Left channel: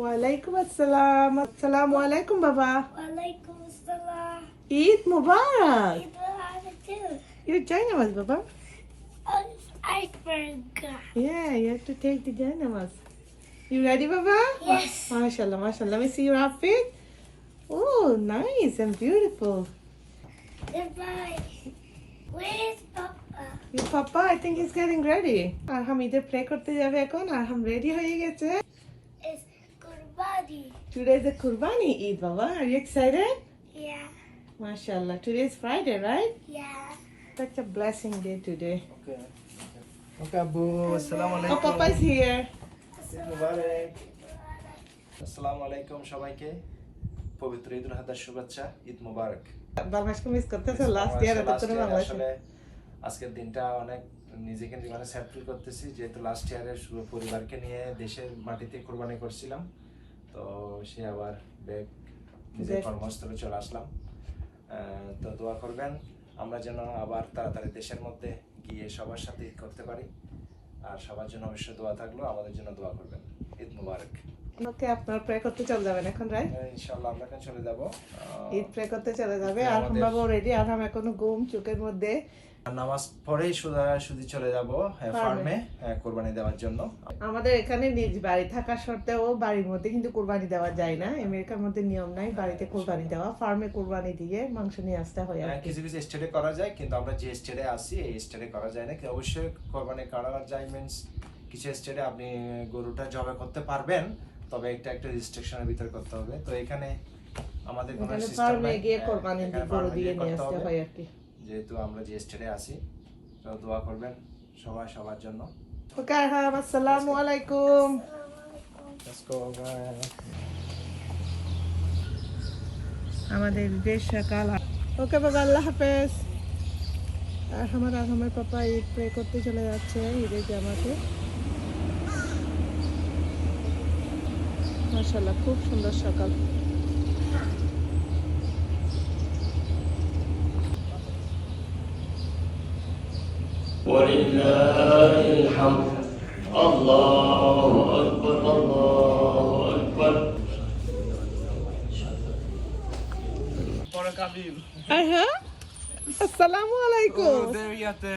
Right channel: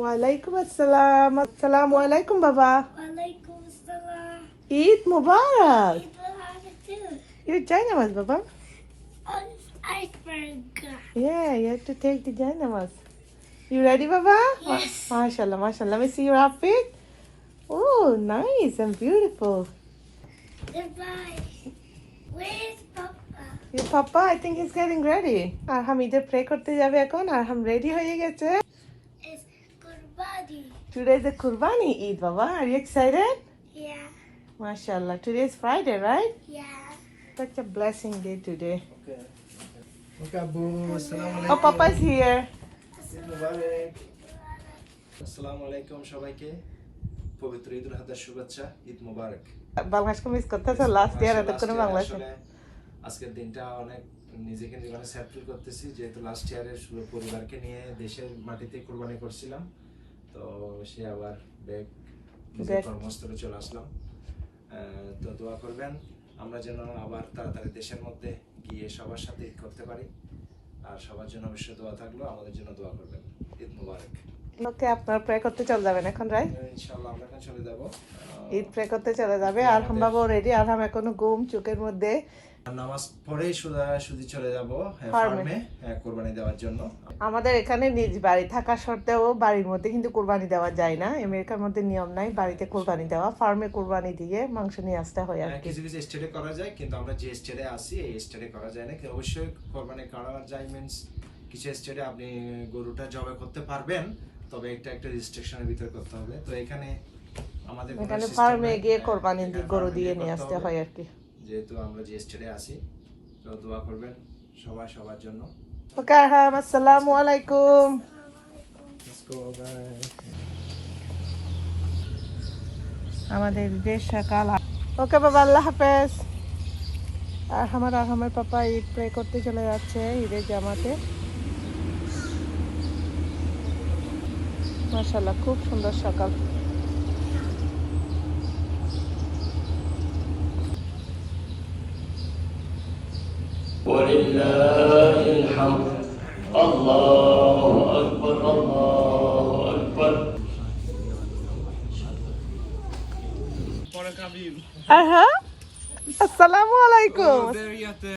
ওয়ালাইকুম আসসালাম। আসসালামু আলাইকুম বাবা। Walaikum salam. Eid Mubarak. Eid Mubarak too. You join us, Baba? Oh, iceberg. Yeah, you have to take the Janamas. You ready, Baba? Yes. MashaAllah, MashaAllah. Let me see your outfit. Oh, nice and beautiful. Goodbye. Where's Papa? Your Papa, I think he's getting ready. Arham ঈদে pray করতে যাবে এখন। Arham ready হয়ে গেছে। It's Kurbani. Today is the Qurbani Eid, Baba. Are you excited? Yeah. MashaAllah. Today is Friday, right? Yeah. Such a blessing day today. Okay, Abu. Assalamu Oh, Papa's here. Eid Mubarak. আসসালামু আলাইকুম সবাইকে পবিত্র ঈদুল আজহার শুভেচ্ছা ঈদ মুবারক বাংলাদেশকে miss করতেছে last year এত কোনো বাংলাদেশ আসলে আজকের দিনটা অনেক নিজেকে মানে স্যাড ফিল করতেছি যেহেতু লাস্ট ইয়ারের পরিবারকে নিয়ে দেশের মাটিতে কুরবানি করছিলাম তো সে আবার ব্যাক নিজের কর্মস্থলে চলে আসলাম তো দোয়া করবেন আমরা যেন আবার তাড়াতাড়ি দেশের মধ্যে গিয়ে সবার সাথে ঈদ করতে পারি আর সবার জন্য অবশ্যই দোয়া থাকলো আমাদের জন্য দোয়া করবেন ঈদ মুবারক ওকে আপনারা প্রে করতে চলে যাবেন এখন রাইট ইনশাআল্লাহ আমরা এখন চলে যাব ঈদ প্রে করতে চলে যাবে আর বাবা রেডি আর আমি এখনো ঘুম চোখের মধ্যে নামাজ পড়েই শুধু চলে যাব ফার্মে কুরবানি দেওয়ার জন্য আমাদের এখানে নিজ বাড়ি থাকা সত্ত্বেও বাড়ির মধ্যে কিন্তু কুরবানি দেওয়া যায় না আমেরিকার মধ্যে নিয়ম নাই বাড়িতে কুরবানি দেওয়া ফার্মে কুরবানি দিয়ে মাংস নিয়ে আসতে হয় আর কিছু কিছু স্টেটে করা যায় কিন্তু আমরা যে স্টেটে আছি এই স্টেটে করা যায় না কিন্তু অবশ্যই কুরবানি করা যায় মিন্স কিছু স্টেটে আপনি গরুটা জবাই করতে পারবেন তবে একটা রেজিস্ট্রেশনের ভিতর করতে হবে তো এখানে আমাদের কোনো এখানে সিস্টেম ফার্মে নাই গিয়ে কুরবানি গরু দিয়ে নিয়ে আসতে হয় আর কি যেহেতু আমরা যে স্টেটে আছি তো দোয়া করবেন সবার জন্য ওকে আসসালামু আলাইকুম Let's go. আমাদের দেশ সকাল ওকে বাবা আল্লাহ হাফেজ আর আমার পাপা ঈদ প্রে করতে চলে যাচ্ছে ঈদের জামাতে মাশাআল্লাহ খুব সুন্দর সকাল ولله الحمد الله أكبر الله أكبر আসসালামু আলাইকুম